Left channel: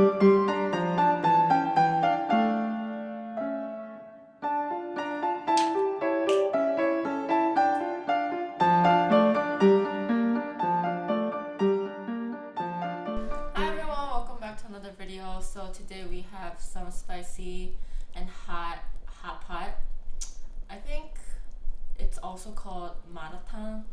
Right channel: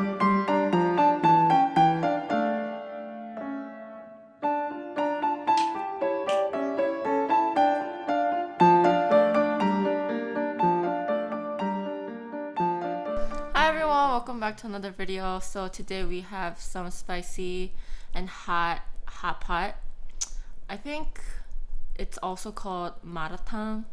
Hi everyone, welcome back to another video. So today we have some spicy and hot pot. I think it's also called maratang,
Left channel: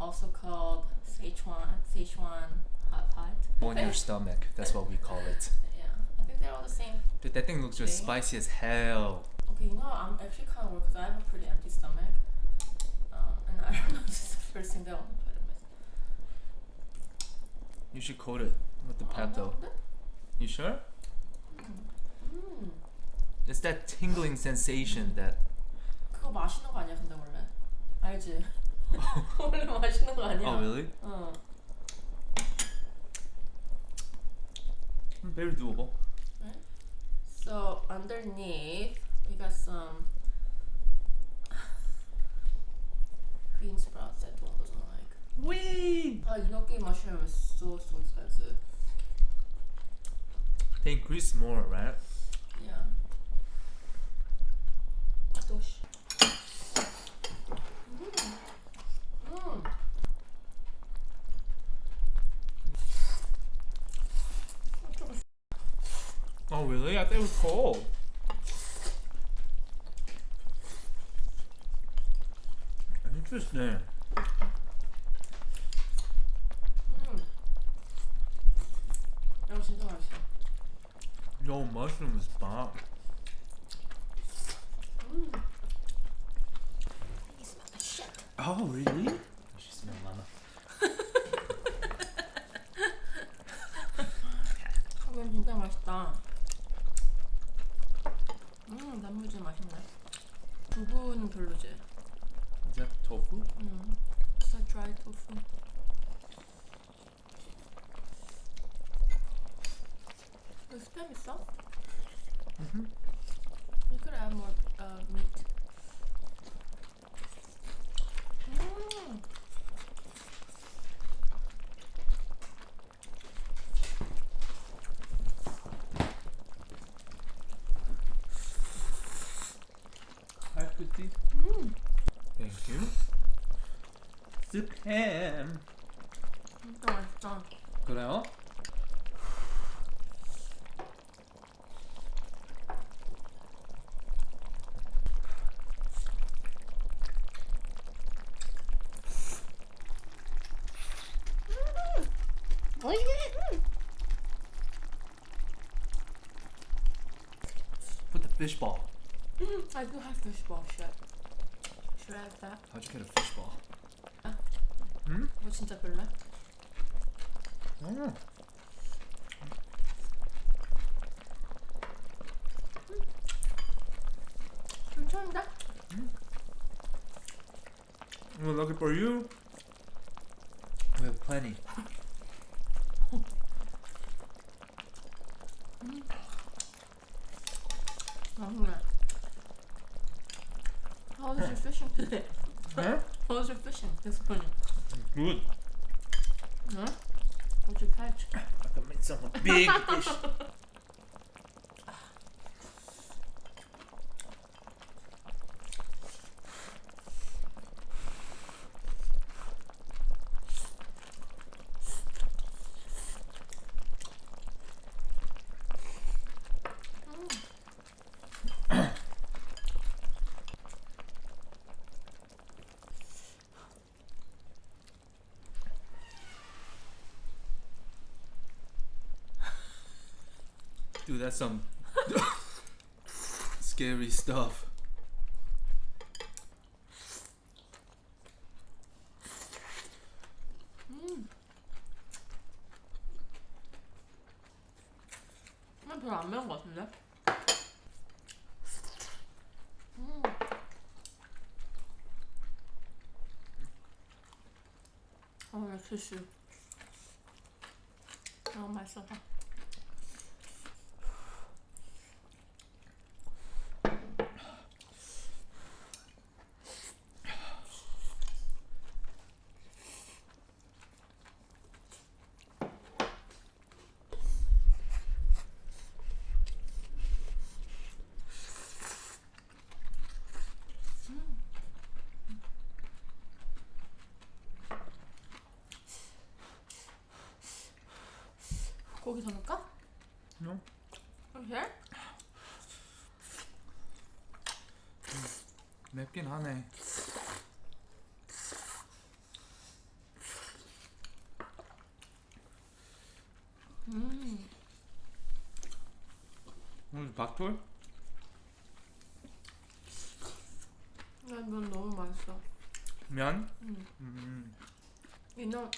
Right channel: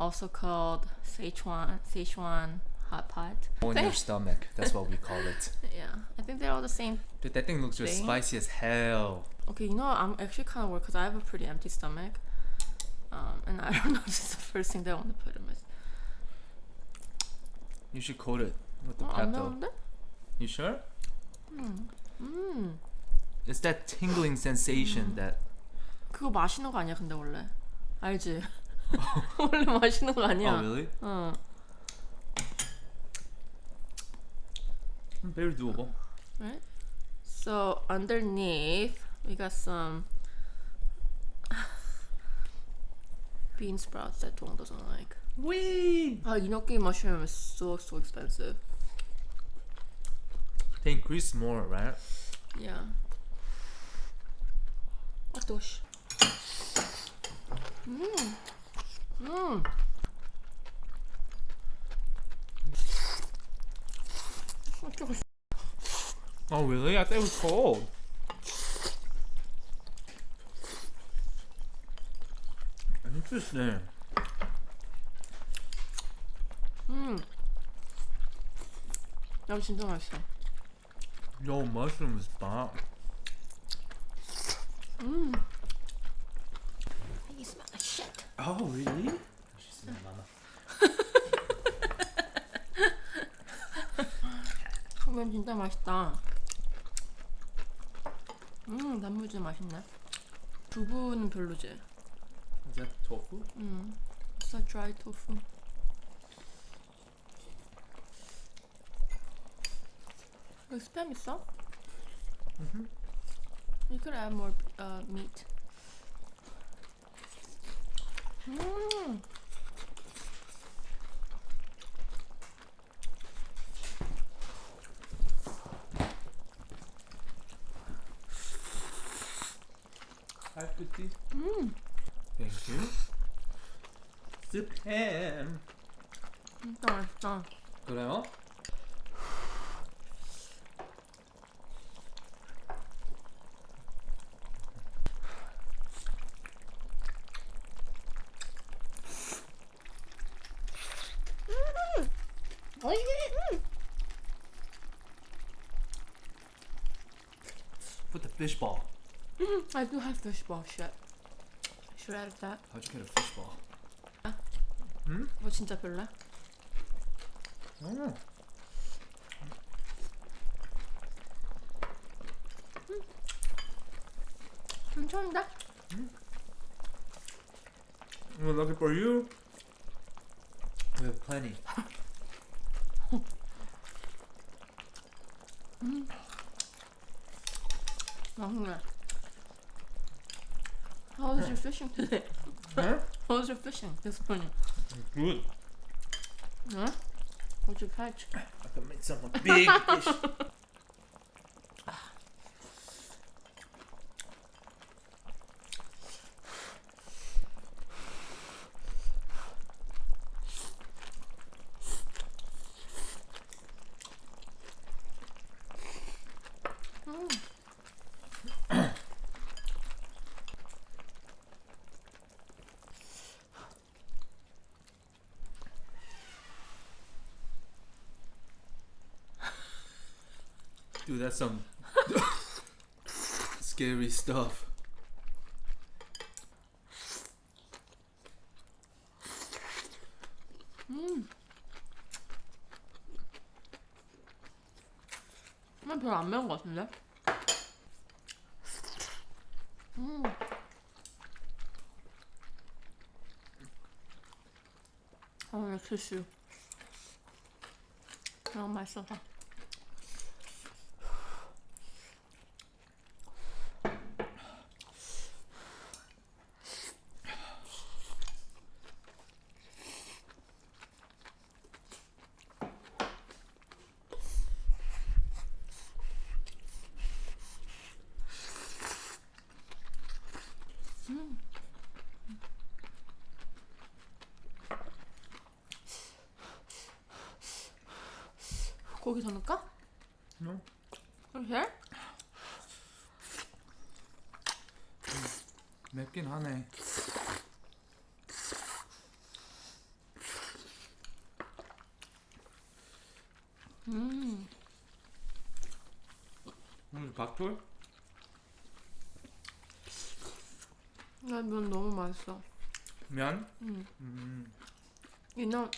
also called Sichuan hot pot. On your stomach, that's what we call it. Yeah, I think they're all the same. Dude, that thing looks just Thing. spicy as hell. Okay, you know what? I'm actually kind of worried because I have a pretty empty stomach, and I don't know if this is the first thing that I want to put in my. You should coat it with the Pepto. You sure? It's that tingling sensation that. 그거 마시는 거 아니야? 근데 원래 알지? 원래 마시는 거 아니야? Oh really? 응. Very doable. Right? So underneath we got some bean sprouts that Dong doesn't like. Wee! enoki mushroom is so expensive. They increase more, right? Yeah. Atosh. Oh really? I thought it was cold. Interesting. 이거 진짜 맛있어. Yo, mushroom is bomb. You smell like shit. Oh really? She smell mama. 이건 진짜 맛있다. 단무지 맛있네. 두부는 별로지? Is that tofu? It's a dry tofu. 여기 스팸 있어? You could add more meat. Hi, Pretty. Thank you. Spam. 진짜 맛있다. 그래요? Put the fish ball. I do have fish ball shit. Should I add that? How'd you get a fish ball? 이거 진짜 별로야? 괜찮은데? We're looking for you. We have plenty. 맛있네. How was your fishing today? Huh? How was your fishing this morning? Good. Huh? What'd you catch? I can make some big fish. Dude, that's some scary stuff. 별로 안 매운 것 같은데? 역시 너무 맛있어서. 고기 더 넣을까? No. Okay. 맵긴 하네. 박돌? 면 너무 맛있어. 면? You know,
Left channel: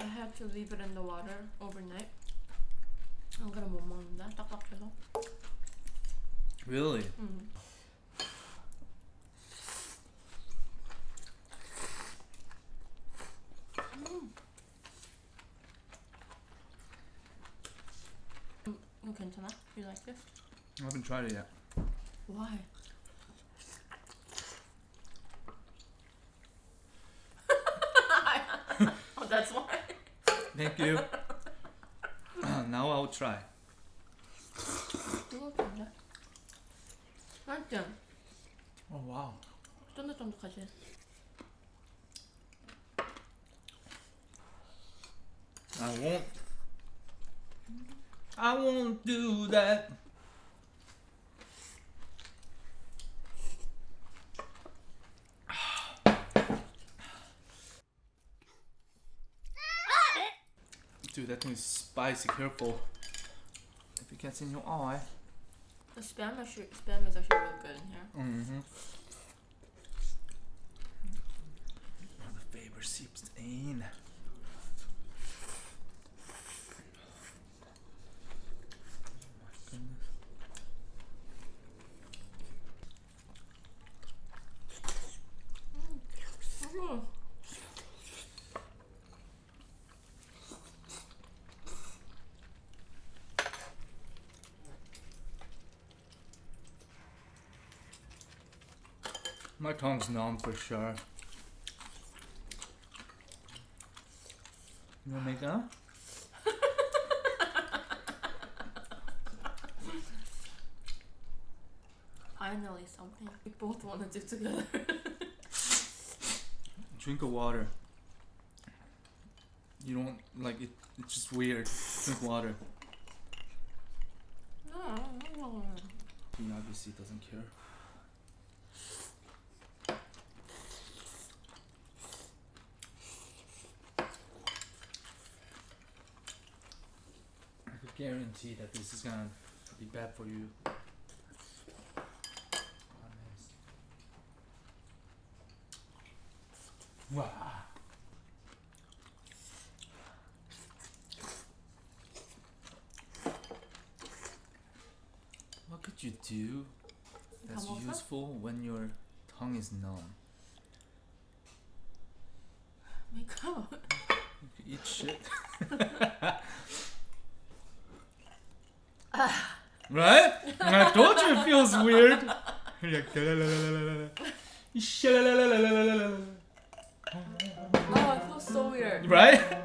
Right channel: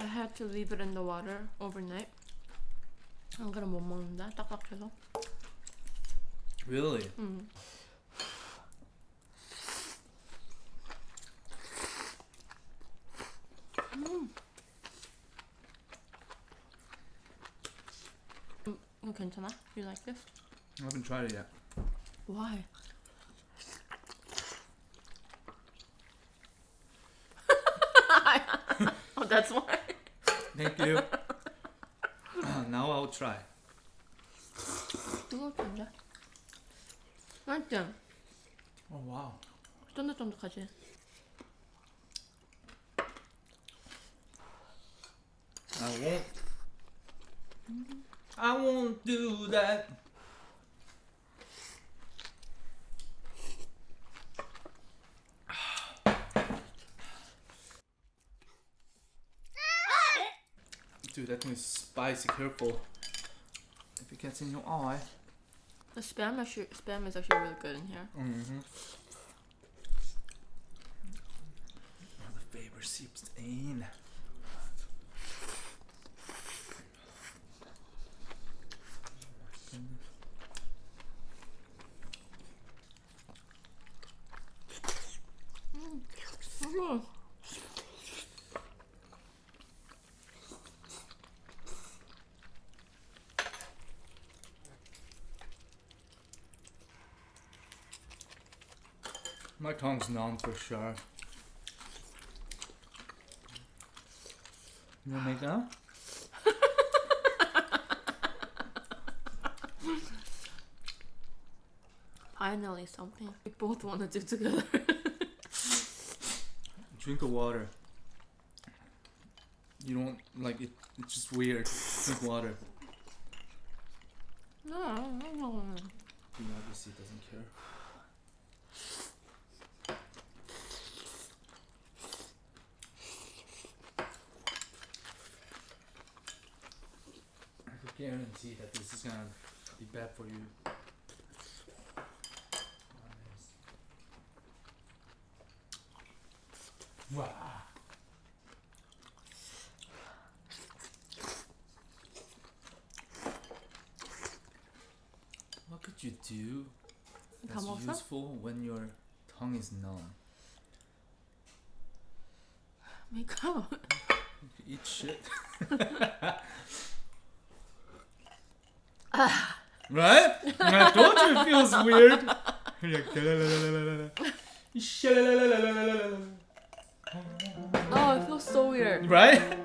I had to leave it in the water overnight. 안 그럼 못 먹는다. 딱딱해서. Really? 이거 괜찮아? You like this? I haven't tried it yet. Why? Oh, that's why. Thank you. Now I'll try. 이거 좋은데? 맛있지? Oh wow. 쫀득쫀득하지? I won't do that. Dude, that thing is spicy. Careful. If it gets in your eye. The spam is actually really good in here. Oh, the flavor seeps in. My tongue's numb for sure. You wanna make that? Finally something we both want to do together. Drink of water. You don't like it. It's just weird. Drink water. No. He obviously doesn't care. I could guarantee that this is gonna be bad for you. Wow. What could you do that's 먹었어? useful when your tongue is numb? Make out. You could eat shit. Right? I told you it feels weird. Oh, it feels so weird. Right?